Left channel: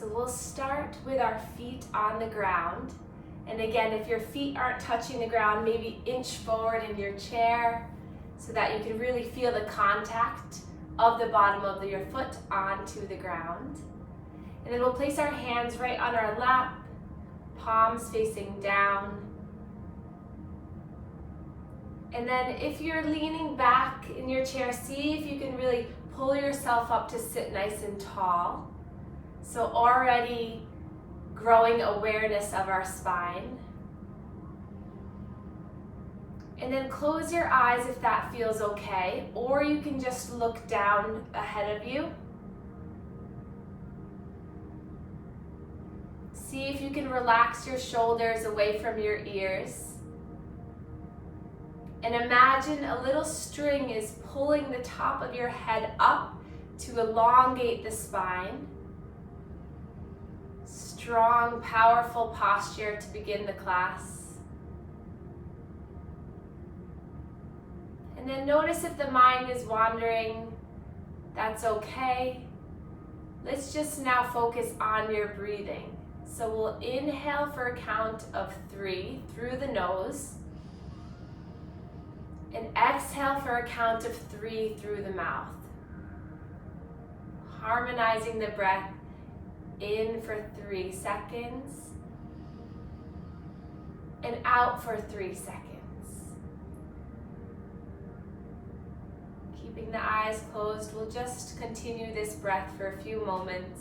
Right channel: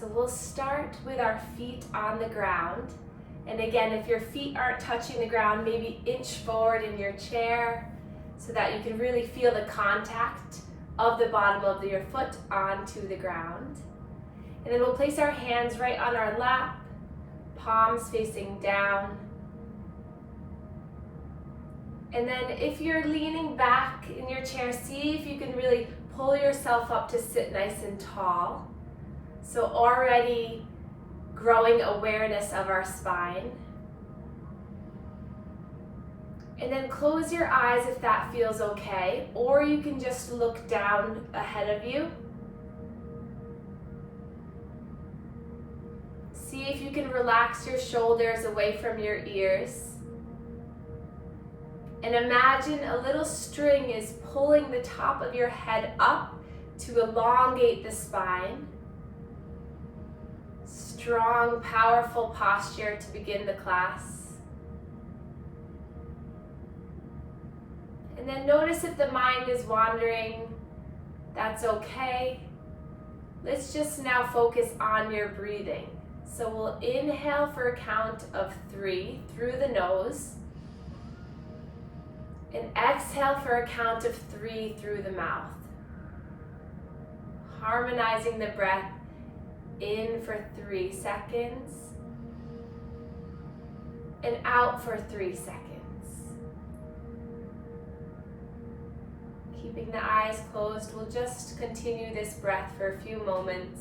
So we'll start with our feet on the ground. And again, if your feet aren't touching the ground, maybe inch forward in your chair so that you can really feel the contact of the bottom of your foot onto the ground. And then we'll place our hands right on our lap, palms facing down. And then if you're leaning back in your chair, see if you can really pull yourself up to sit nice and tall. So already growing awareness of our spine. And then close your eyes if that feels okay, or you can just look down ahead of you. See if you can relax your shoulders away from your ears. And imagine a little string is pulling the top of your head up to elongate the spine. Strong, powerful posture to begin the class. And then notice if the mind is wandering. That's okay. Let's just now focus on your breathing. So we'll inhale for a count of 3 through the nose. And exhale for a count of 3 through the mouth. Harmonizing the breath. In for 3 seconds. And out for 3 seconds. Keeping the eyes closed, we'll just continue this breath for a few moments.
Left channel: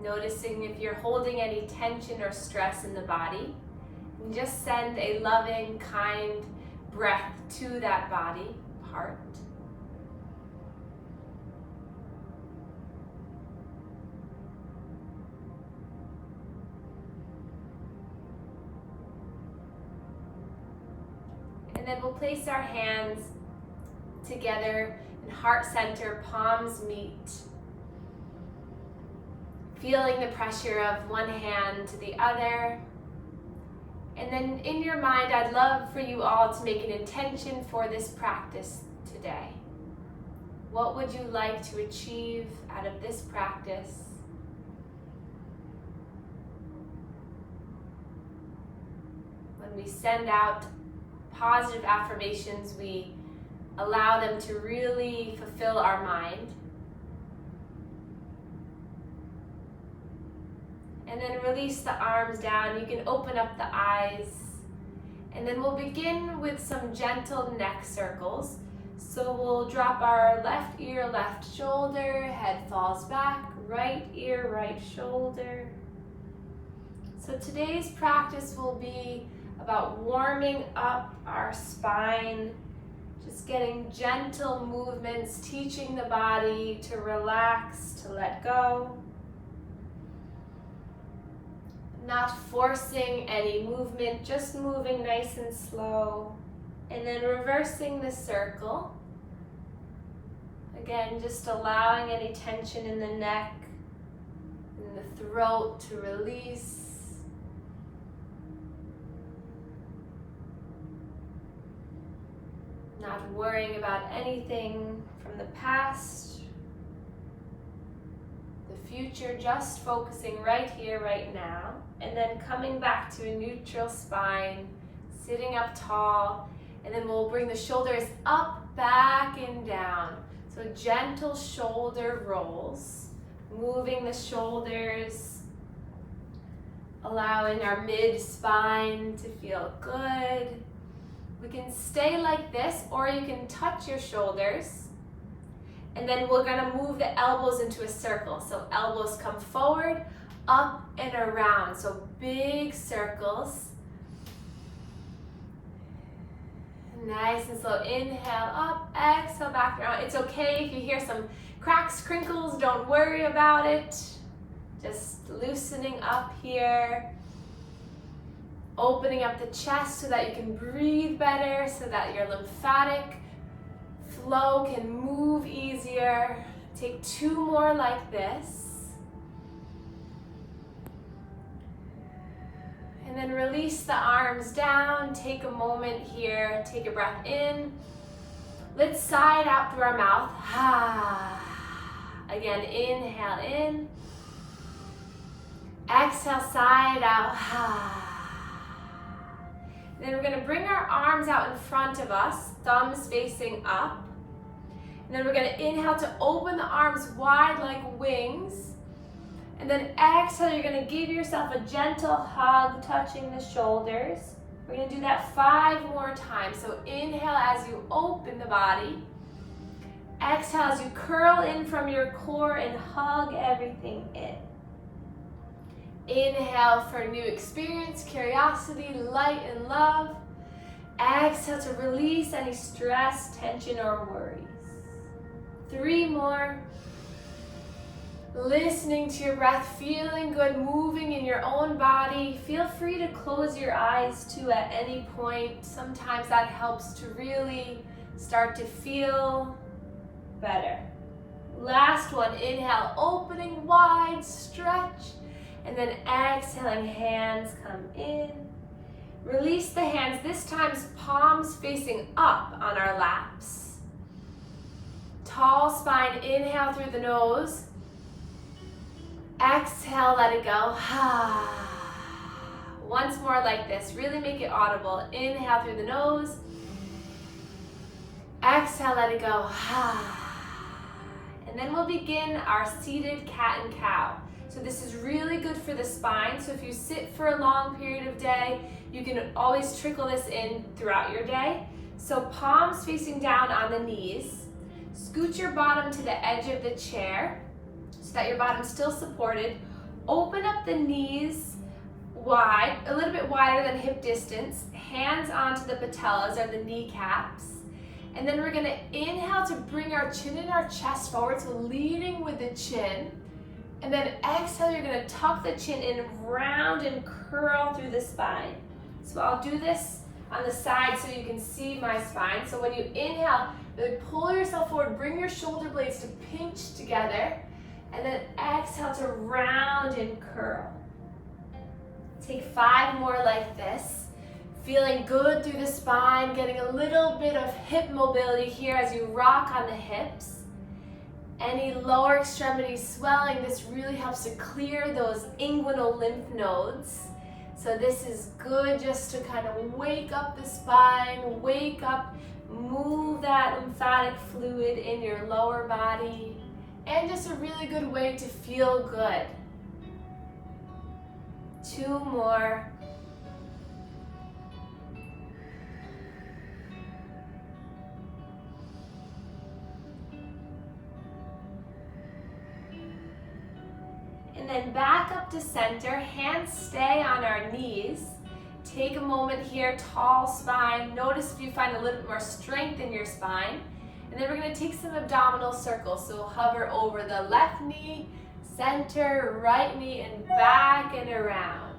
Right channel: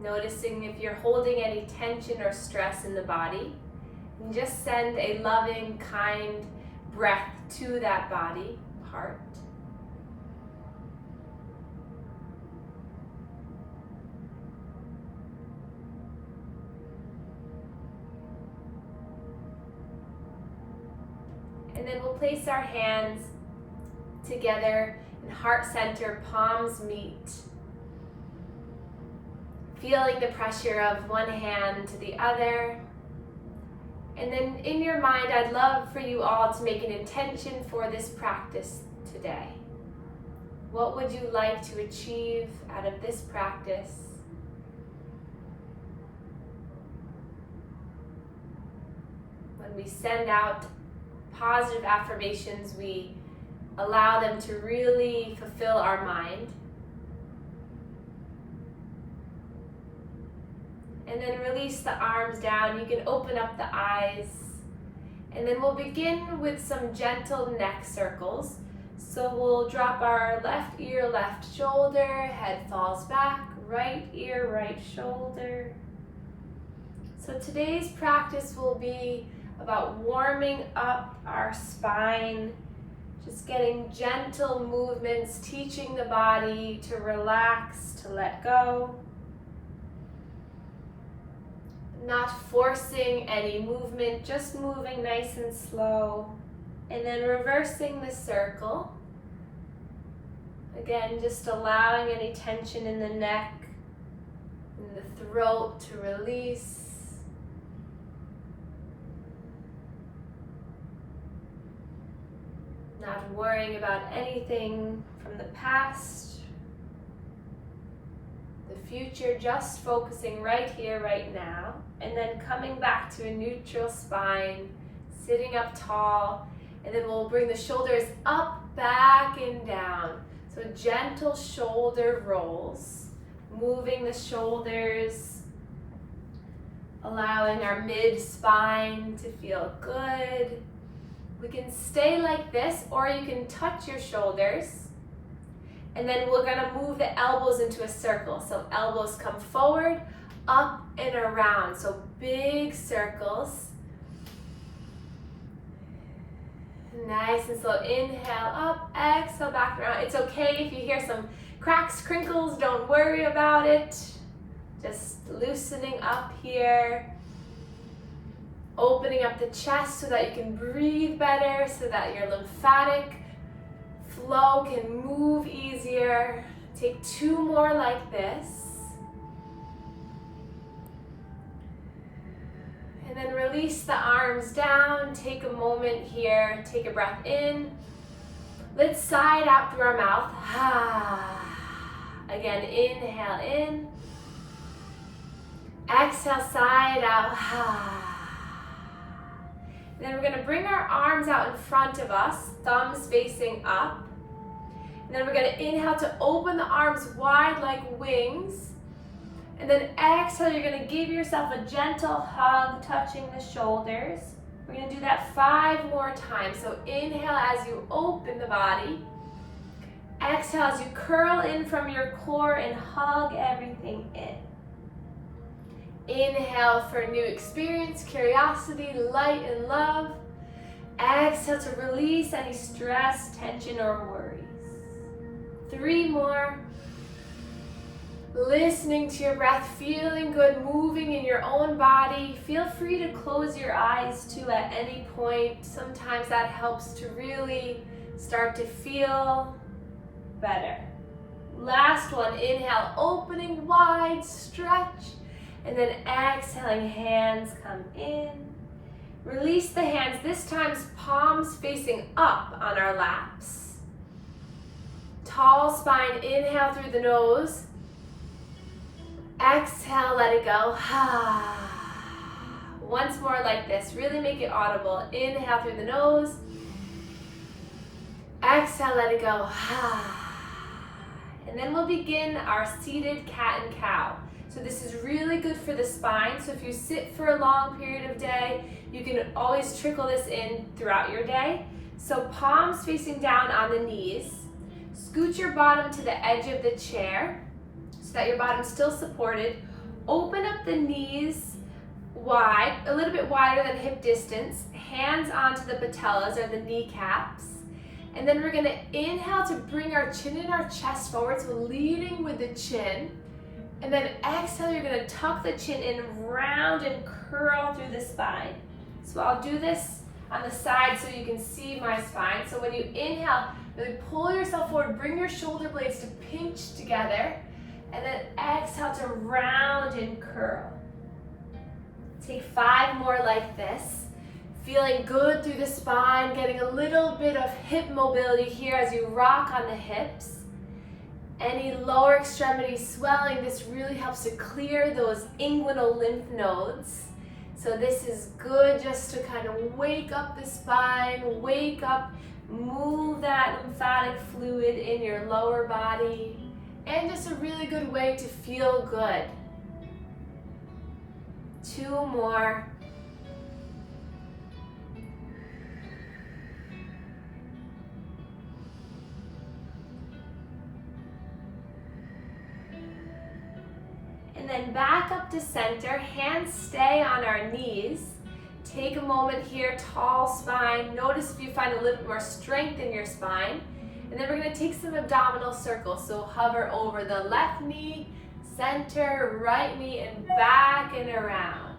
Noticing if you're holding any tension or stress in the body. And just send a loving, kind breath to that body part. And then we'll place our hands together in heart center, palms meet. Feeling the pressure of one hand to the other. And then in your mind, I'd love for you all to make an intention for this practice today. What would you like to achieve out of this practice? When we send out positive affirmations, we allow them to really fulfill our mind. And then release the arms down. You can open up the eyes. And then we'll begin with some gentle neck circles. So we'll drop our left ear, left shoulder, head falls back, right ear, right shoulder. So today's practice will be about warming up our spine, just getting gentle movements, teaching the body to relax, to let go. Not forcing any movement, just moving nice and slow. And then reversing the circle. Again, just allowing any tension in the neck and the throat to release. Not worrying about anything from the past, the future, just focusing right here, right now. And then coming back to a neutral spine, sitting up tall, and then we'll bring the shoulders up, back, and down. So gentle shoulder rolls, moving the shoulders, allowing our mid-spine to feel good. We can stay like this, or you can touch your shoulders. And then we're gonna move the elbows into a circle. So elbows come forward, up and around. So big circles. Nice and slow. Inhale up, exhale back around. It's okay if you hear some cracks, crinkles, don't worry about it. Just loosening up here. Opening up the chest so that you can breathe better, so that your lymphatic flow can move easier. Take 2 more like this. And then release the arms down. Take a moment here. Take a breath in. Let's sigh it out through our mouth. Again, inhale in. Exhale, sigh it out. And then we're going to bring our arms out in front of us, thumbs facing up. And then we're going to inhale to open the arms wide like wings. And then exhale, you're going to give yourself a gentle hug, touching the shoulders. We're going to do that 5 more times. So inhale as you open the body. Exhale as you curl in from your core and hug everything in. Inhale for new experience, curiosity, light, and love. Exhale to release any stress, tension, or worries. 3 more. Listening to your breath, feeling good, moving in your own body. Feel free to close your eyes too at any point. Sometimes that helps to really start to feel better. Last one, inhale, opening wide, stretch, and then exhaling, hands come in. Release the hands, this time palms facing up on our laps. Tall spine, inhale through the nose. Exhale, let it go. Once more like this, really make it audible. Inhale through the nose. Exhale, let it go. And then we'll begin our seated cat and cow. So this is really good for the spine. So if you sit for a long period of day, you can always trickle this in throughout your day. So palms facing down on the knees. Scoot your bottom to the edge of the chair so that your bottom's still supported. Open up the knees wide, a little bit wider than hip distance. Hands onto the patellas or the kneecaps. And then we're gonna inhale to bring our chin and our chest forward, so leading with the chin. And then exhale, you're gonna tuck the chin in, round and curl through the spine. So I'll do this on the side so you can see my spine. So when you inhale, really pull yourself forward, bring your shoulder blades to pinch together, and then exhale to round and curl. Take 5 more like this. Feeling good through the spine, getting a little bit of hip mobility here as you rock on the hips. Any lower extremity swelling, this really helps to clear those inguinal lymph nodes. So this is good just to kind of wake up the spine, wake up, move that lymphatic fluid in your lower body, and just a really good way to feel good. 2 more. And then back up to center, hands stay on our knees. Take a moment here, tall spine. Notice if you find a little bit more strength in your spine. And then we're gonna take some abdominal circles. So hover over the left knee, center, right knee, and back and around.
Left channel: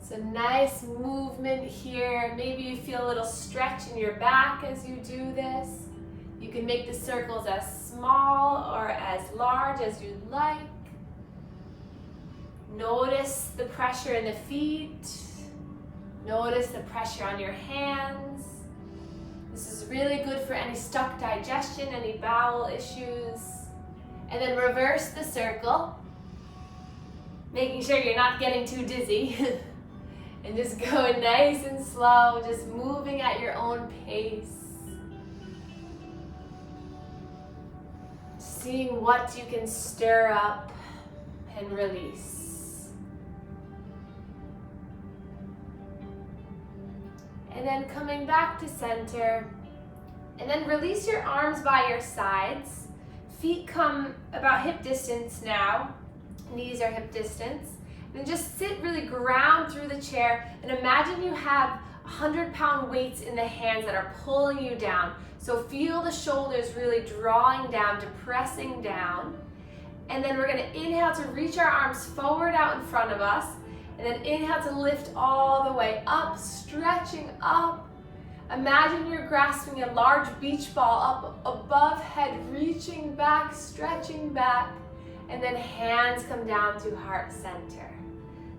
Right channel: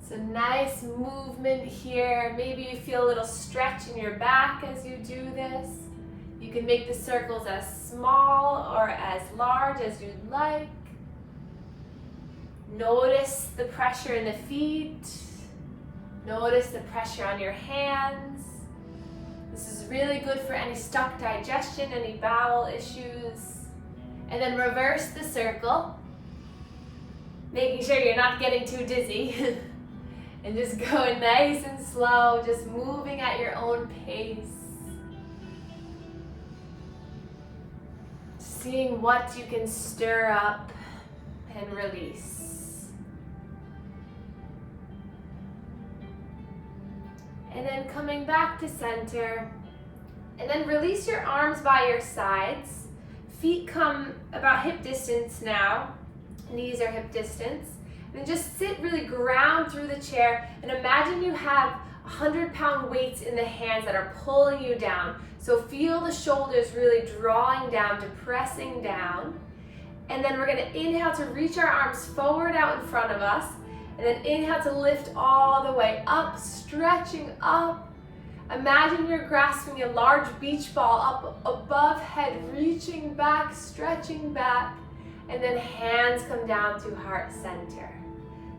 It's a nice movement here. Maybe you feel a little stretch in your back as you do this. You can make the circles as small or as large as you'd like. Notice the pressure in the feet. Notice the pressure on your hands. This is really good for any stuck digestion, any bowel issues. And then reverse the circle, making sure you're not getting too dizzy. And just going nice and slow, just moving at your own pace. Seeing what you can stir up and release. And then coming back to center, and then release your arms by your sides. Feet come about hip distance now, knees are hip distance. And then just sit really ground through the chair, and imagine you have 100-pound weights in the hands that are pulling you down. So feel the shoulders really drawing down, depressing down. And then we're gonna inhale to reach our arms forward out in front of us. And then inhale to lift all the way up, stretching up. Imagine you're grasping a large beach ball up above head, reaching back, stretching back, and then hands come down to heart center.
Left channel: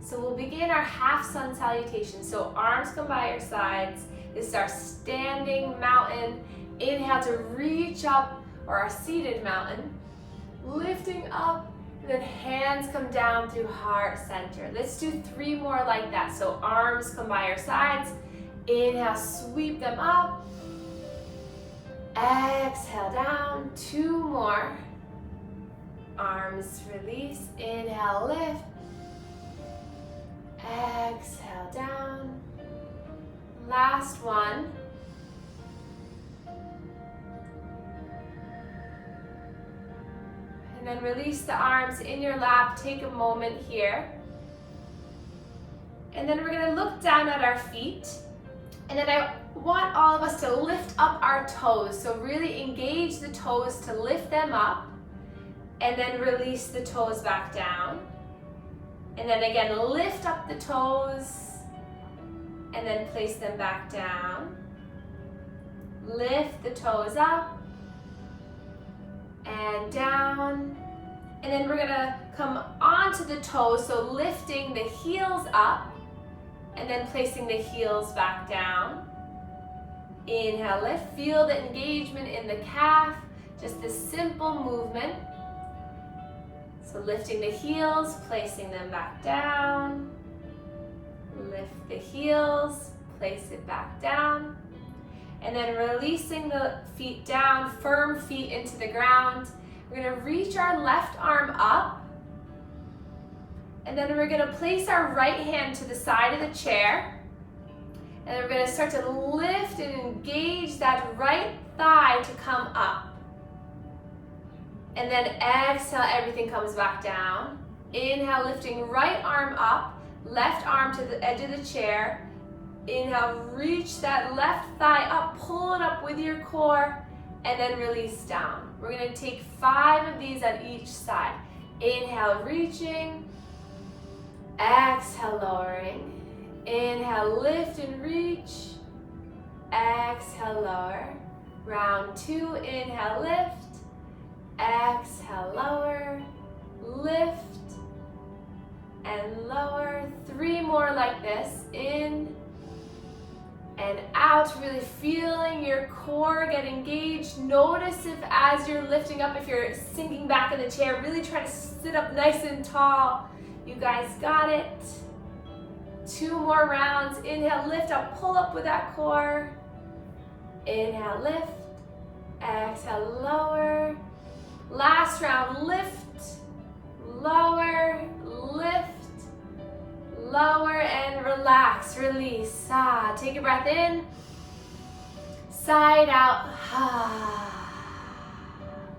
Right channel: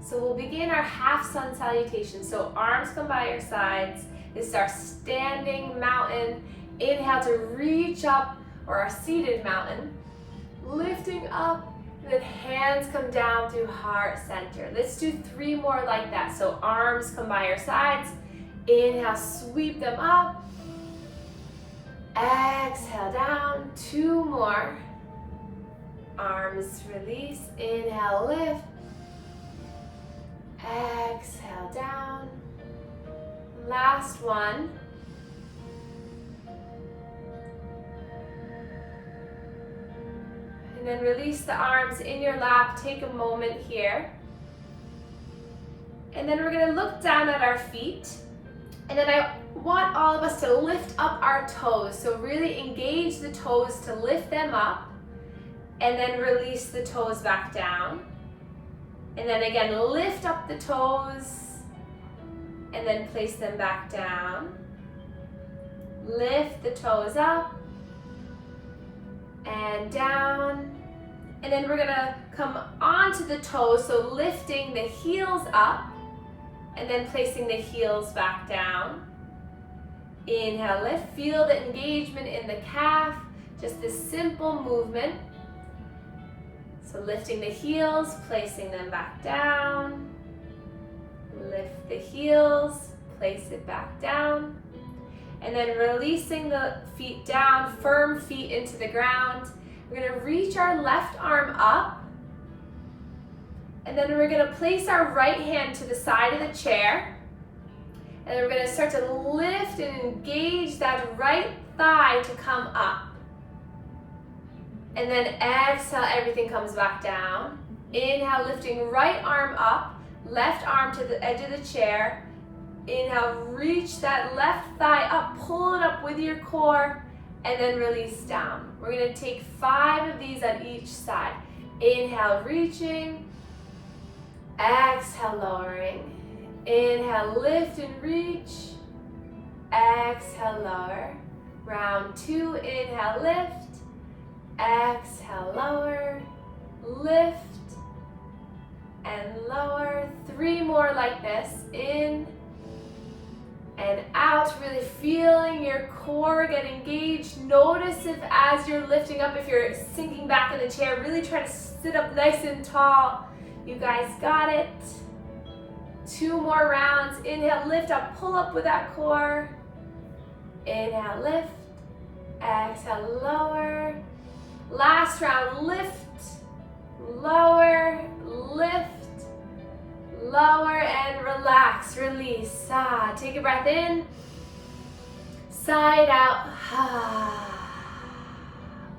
So we'll begin our half sun salutation. So arms come by your sides. This is our standing mountain. Inhale to reach up, or our seated mountain. Lifting up, and then hands come down through heart center. Let's do 3 more like that. So arms come by your sides. Inhale, sweep them up. Exhale down. 2 more. Arms release. Inhale, lift. Exhale down. Last one. And then release the arms in your lap. Take a moment here. And then we're going to look down at our feet. And then I want all of us to lift up our toes. So really engage the toes to lift them up. And then release the toes back down. And then again, lift up the toes. And then place them back down. Lift the toes up. And down. And then we're gonna come onto the toes, so lifting the heels up and then placing the heels back down. Inhale, lift. Feel the engagement in the calf, just this simple movement. So lifting the heels, placing them back down. Lift the heels, place it back down. And then releasing the feet down, firm feet into the ground. We're gonna reach our left arm up. And then we're gonna place our right hand to the side of the chair. And then we're gonna start to lift and engage that right thigh to come up. And then exhale, everything comes back down. Inhale, lifting right arm up, left arm to the edge of the chair. Inhale, reach that left thigh up, pull it up with your core, and then release down. We're gonna take 5 of these on each side. Inhale, reaching. Exhale, lowering. Inhale, lift and reach. Exhale, lower. Round 2, inhale, lift. Exhale, lower. Lift and lower. 3 more like this. In and out, really feeling your core get engaged. Notice if as you're lifting up, if you're sinking back in the chair, really try to sit up nice and tall. You guys got it. 2 more rounds. Inhale, lift up, pull up with that core. Inhale, lift. Exhale, lower. Last round, lift, lower, lift, lower, and relax, release. Take a breath in, side out.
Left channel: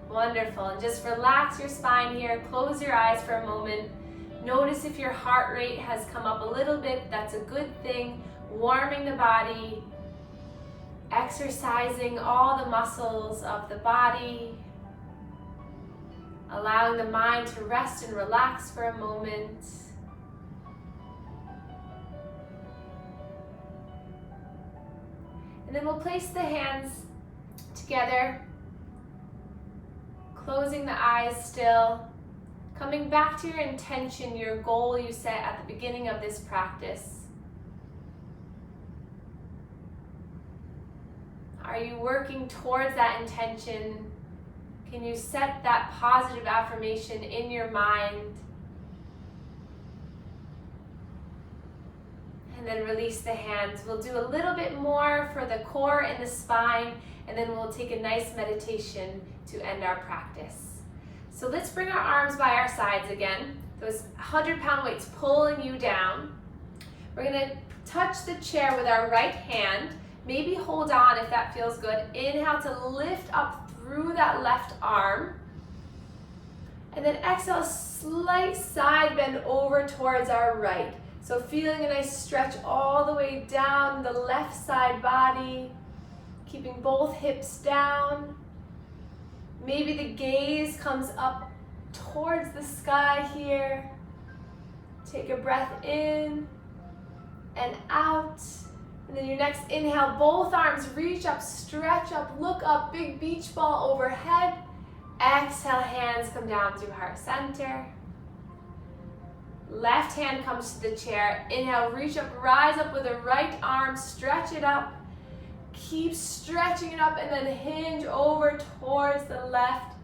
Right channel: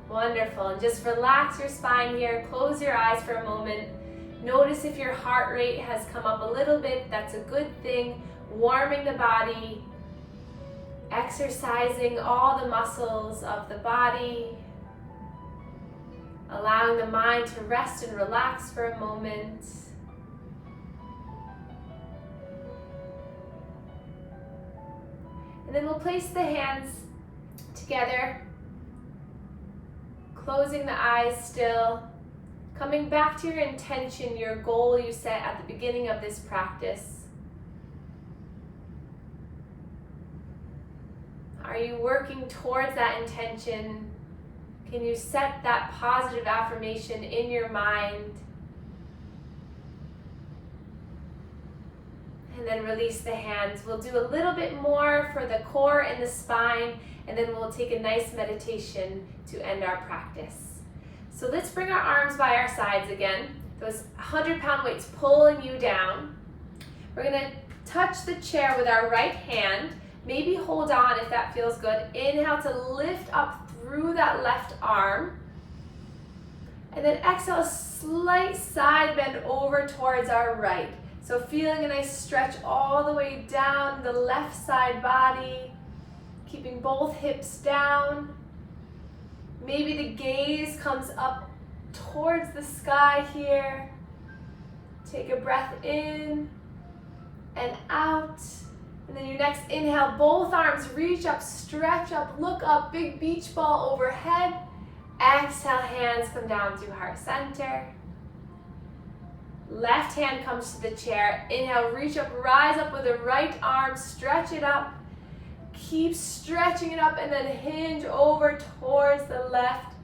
Wonderful. And just relax your spine here. Close your eyes for a moment. Notice if your heart rate has come up a little bit. That's a good thing. Warming the body, exercising all the muscles of the body, allowing the mind to rest and relax for a moment. And then we'll place the hands together, closing the eyes still, coming back to your intention, your goal you set at the beginning of this practice. Are you working towards that intention? Can you set that positive affirmation in your mind? And then release the hands. We'll do a little bit more for the core and the spine, and then we'll take a nice meditation to end our practice. So let's bring our arms by our sides again. Those 100-pound weights pulling you down. We're gonna touch the chair with our right hand. Maybe hold on if that feels good. Inhale to lift up through that left arm. And then exhale, slight side bend over towards our right. So feeling a nice stretch all the way down the left side body, keeping both hips down. Maybe the gaze comes up towards the sky here. Take a breath in and out. And then your next inhale, both arms reach up, stretch up, look up, big beach ball overhead. Exhale, hands come down through heart center. Left hand comes to the chair. Inhale, reach up, rise up with the right arm, stretch it up. Keep stretching it up and then hinge over towards the left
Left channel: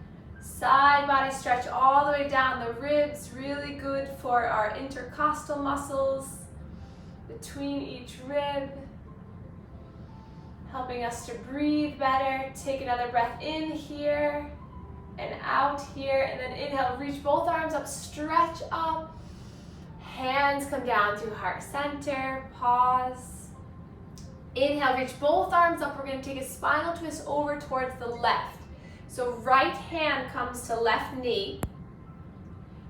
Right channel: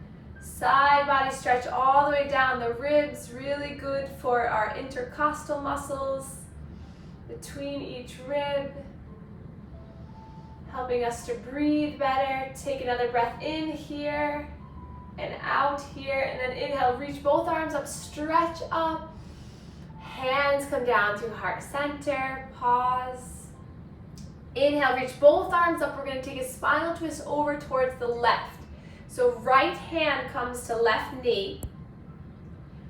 side body stretch all the way down the ribs. Really good for our intercostal muscles between each rib. Helping us to breathe better. Take another breath in here and out here. And then inhale, reach both arms up, stretch up. Hands come down through heart center. Pause. Inhale, reach both arms up. We're going to take a spinal twist over towards the left. So right hand comes to left knee.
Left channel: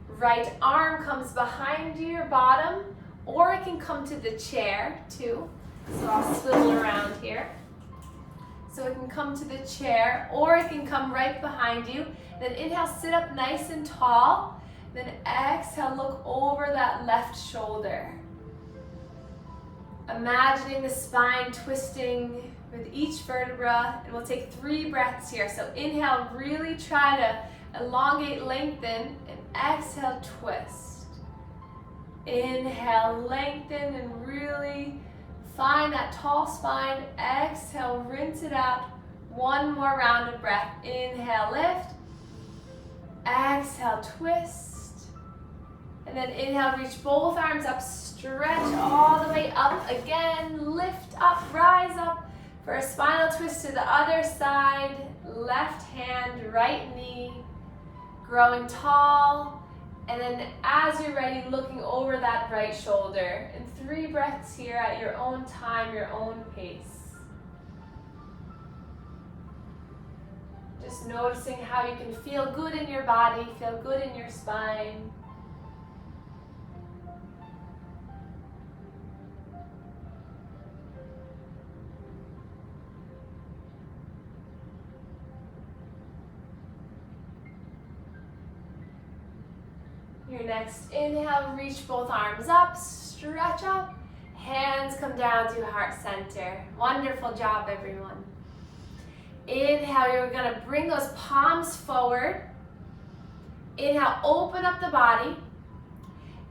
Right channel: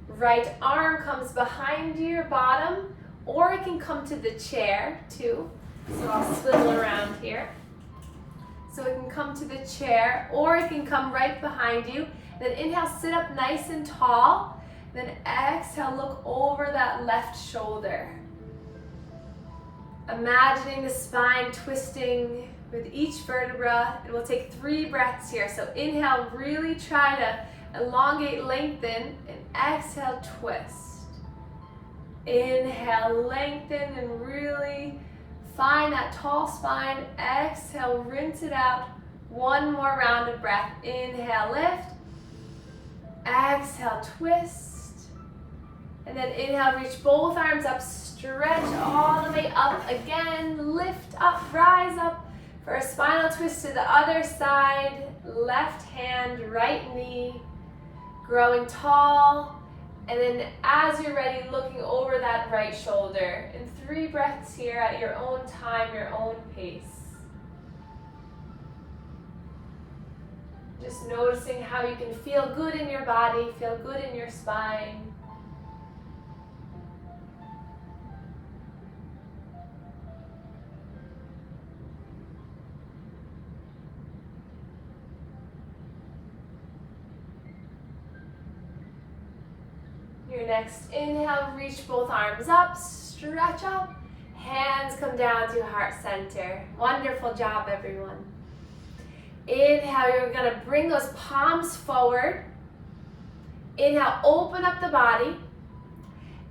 Right arm comes behind your bottom, or it can come to the chair too. So I'll swivel around here. So it can come to the chair, or it can come right behind you. Then inhale, sit up nice and tall. Then exhale, look over that left shoulder. Imagining the spine twisting with each vertebra, and we'll take 3 breaths here. So inhale, really try to elongate, lengthen, and exhale, twist. Inhale, lengthen, and really find that tall spine. Exhale, rinse it out. 1 more round of breath. Inhale, lift. Exhale, twist. And then inhale, reach both arms up, stretch all the way up again. Lift up, rise up for a spinal twist to the other side. Left hand, right knee, growing tall. And then as you're ready, looking over that right shoulder. And 3 breaths here at your own time, your own pace. Just noticing how you can feel good in your body, feel good in your spine. Your next inhale, reach both arms up, stretch up, hands come down through heart center. Wonderful job, everyone. Inhale, you're gonna bring those palms forward. Inhale, open up the body.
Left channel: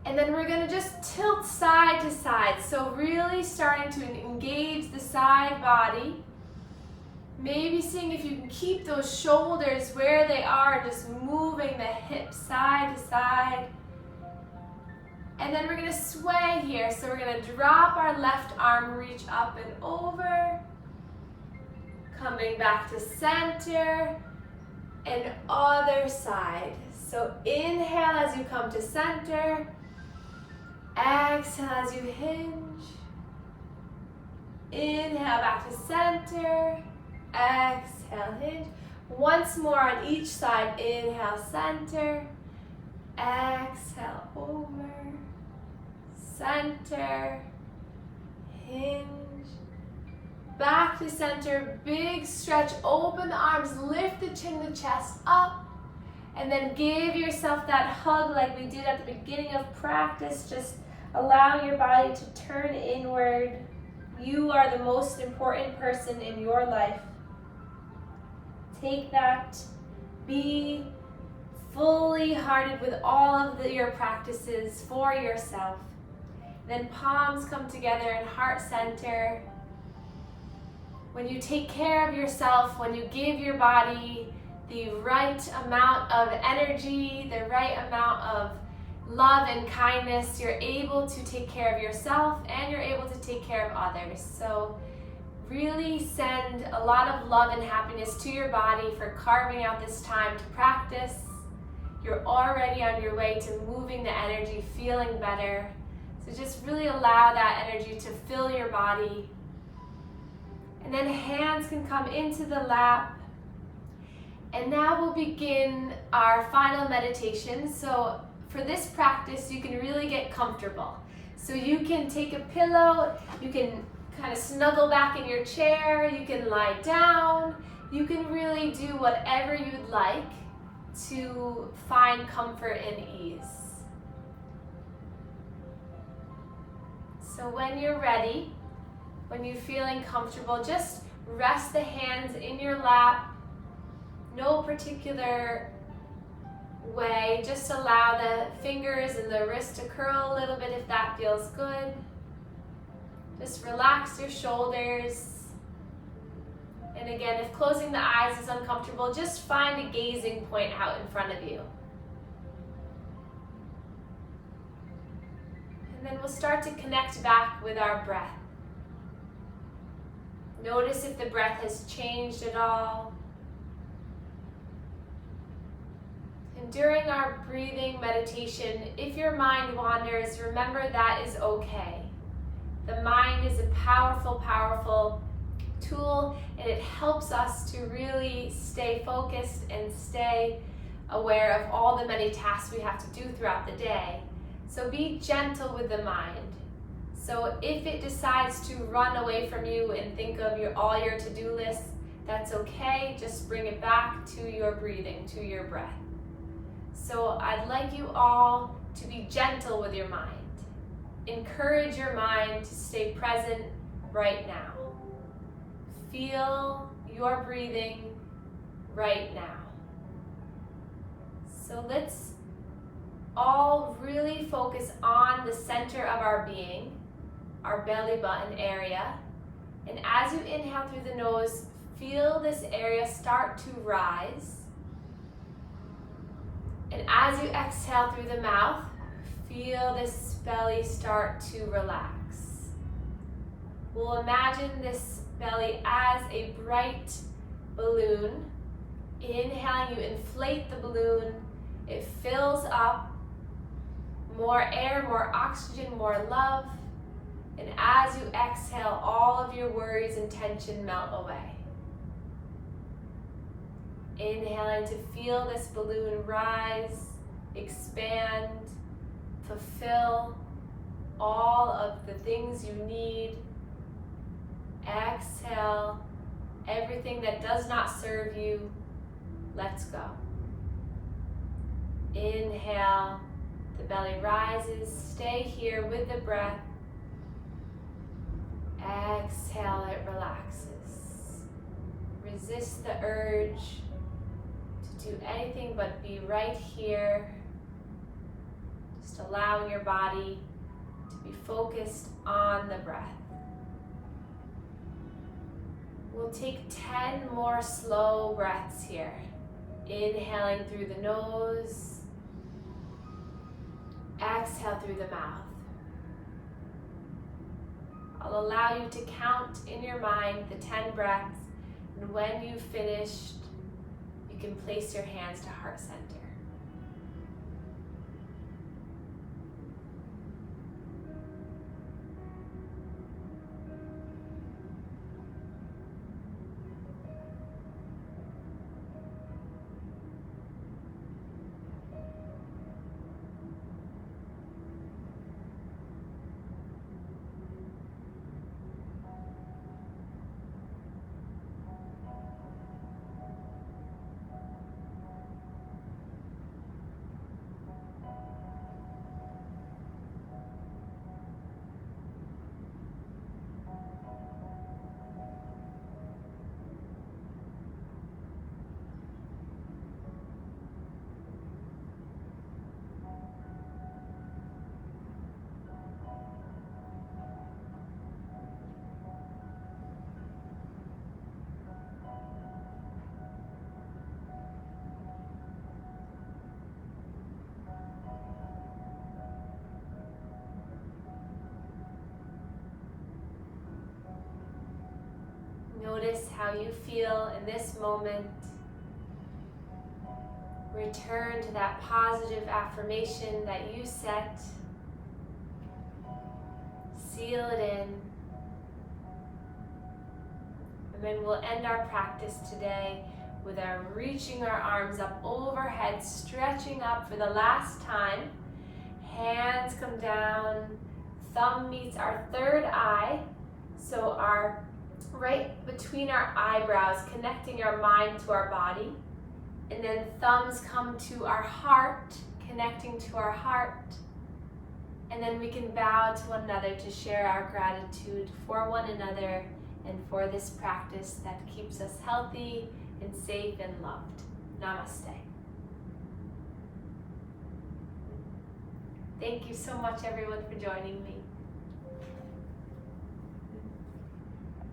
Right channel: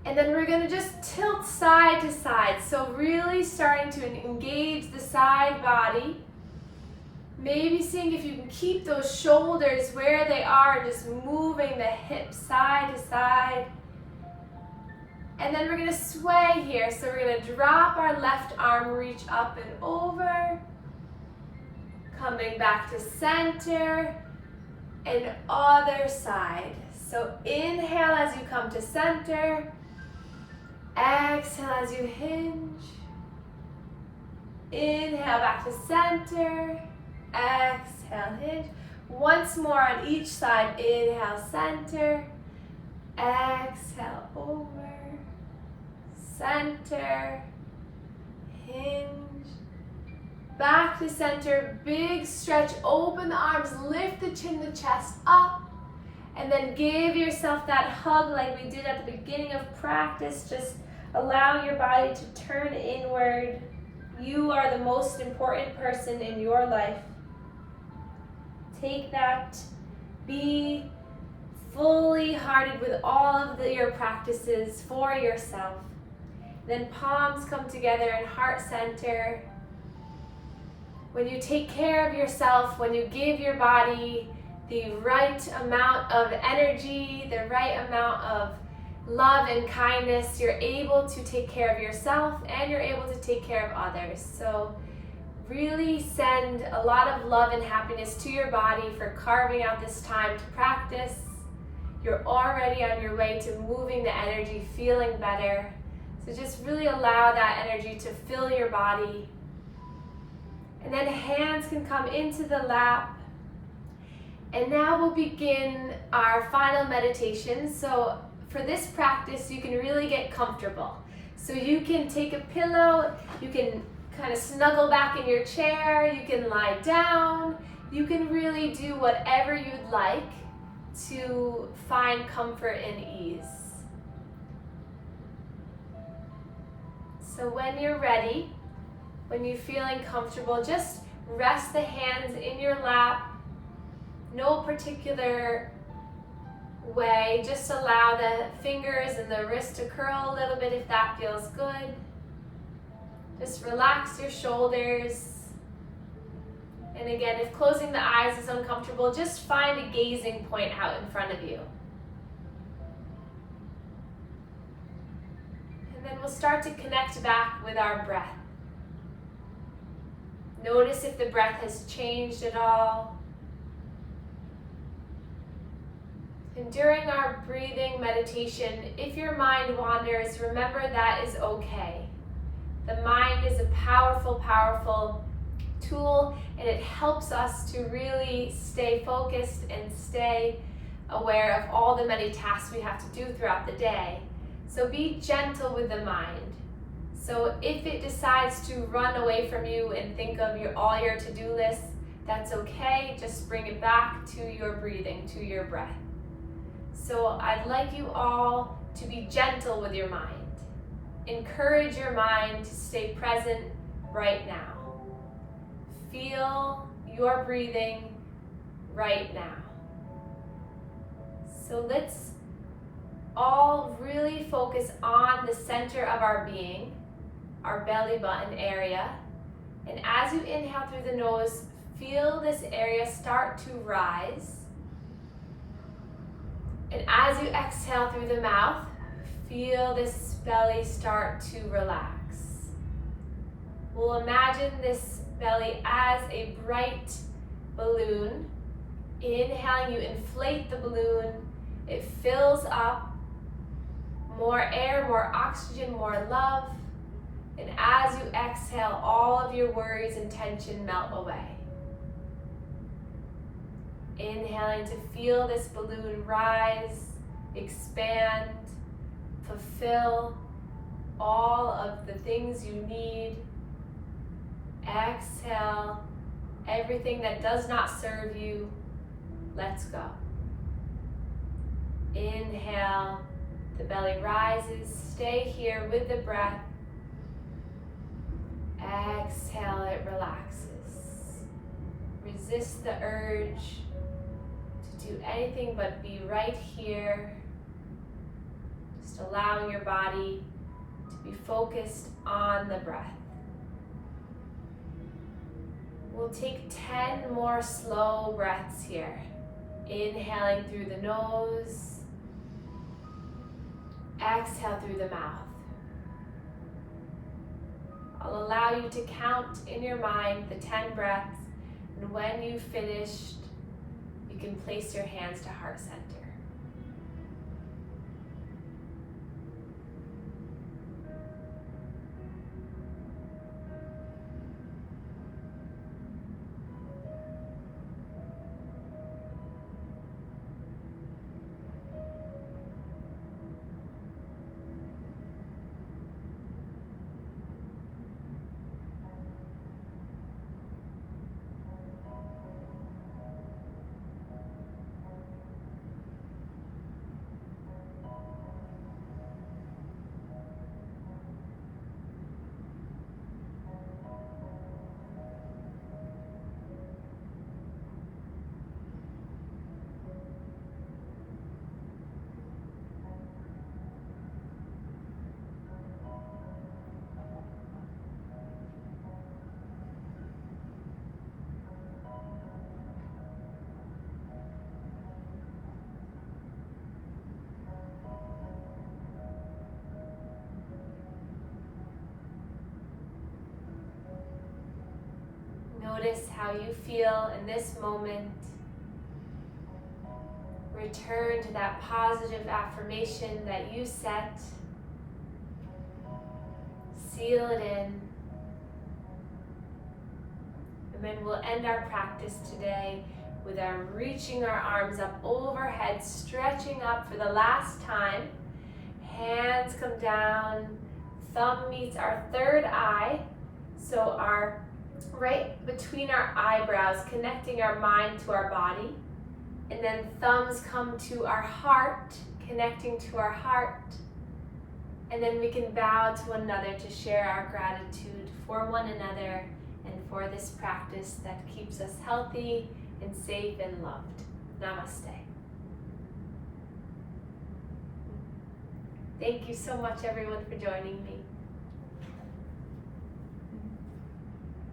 And then we're gonna just tilt side to side. So really starting to engage the side body. Maybe seeing if you can keep those shoulders where they are, just moving the hips side to side. And then we're gonna sway here. So we're gonna drop our left arm, reach up and over. Coming back to center and other side. So inhale as you come to center. Exhale as you hinge. Inhale back to center. Exhale, hinge. Once more on each side. Inhale, center. Exhale, over. Center. Hinge. Back to center. Big stretch. Open the arms. Lift the chin, the chest up. And then give yourself that hug like we did at the beginning of practice. Just allow your body to turn inward. You are the most important person in your life. Take that. Be fully hearted with all of your practices for yourself. Then palms come together in heart center. When you take care of yourself, when you give your body the right amount of energy, the right amount of love and kindness, you're able to take care of yourself and you're able to take care of others. So really send a lot of love and happiness to your body for carving out this time to practice. You're already on your way to moving the energy, feeling better. So just really allow that energy to fill your body. And then hands can come into the lap. And now we'll begin our final meditation. So for this practice, you can really get comfortable. So you can take a pillow, you can kind of snuggle back in your chair, you can lie down, you can really do whatever you'd like to find comfort and ease. So when you're ready, When you're feeling comfortable, just rest the hands in your lap. No particular way, just allow the fingers and the wrist to curl a little bit if that feels good. Just relax your shoulders. And again, if closing the eyes is uncomfortable, just find a gazing point out in front of you. And then we'll start to connect back with our breath. Notice if the breath has changed at all. And during our breathing meditation, if your mind wanders, remember that is okay. The mind is a powerful, powerful tool, and it helps us to really stay focused and stay aware of all the many tasks we have to do throughout the day. So be gentle with the mind. So if it decides to run away from you and think of all your to-do lists, that's okay. Just bring it back to your breathing, to your breath. So I'd like you all to be gentle with your mind. Encourage your mind to stay present right now. Feel your breathing right now. So let's all really focus on the center of our being, our belly button area. And as you inhale through the nose, feel this area start to rise. And as you exhale through the mouth, feel this belly start to relax. We'll imagine this belly as a bright balloon. Inhaling, you inflate the balloon. It fills up. More air, more oxygen, more love. And as you exhale, all of your worries and tension melt away. Inhaling to feel this balloon rise, expand, fulfill all of the things you need. Exhale, everything that does not serve you, let's go. Inhale, the belly rises, stay here with the breath. Exhale, it relaxes. Resist the urge to do anything but be right here. Just allowing your body to be focused on the breath. We'll take 10 more slow breaths here. Inhaling through the nose. Exhale through the mouth. I'll allow you to count in your mind the 10 breaths, and when you've finished, you can place your hands to heart center. Notice how you feel in this moment. Return to that positive affirmation that you set. Seal it in. And then we'll end our practice today with our reaching our arms up overhead, stretching up for the last time. Hands come down, thumb meets our third eye. So our right between our eyebrows, connecting our mind to our body. And then thumbs come to our heart, connecting to our heart. And then we can bow to one another to share our gratitude for one another and for this practice that keeps us healthy and safe and loved. Namaste. Thank you so much, everyone, for joining me.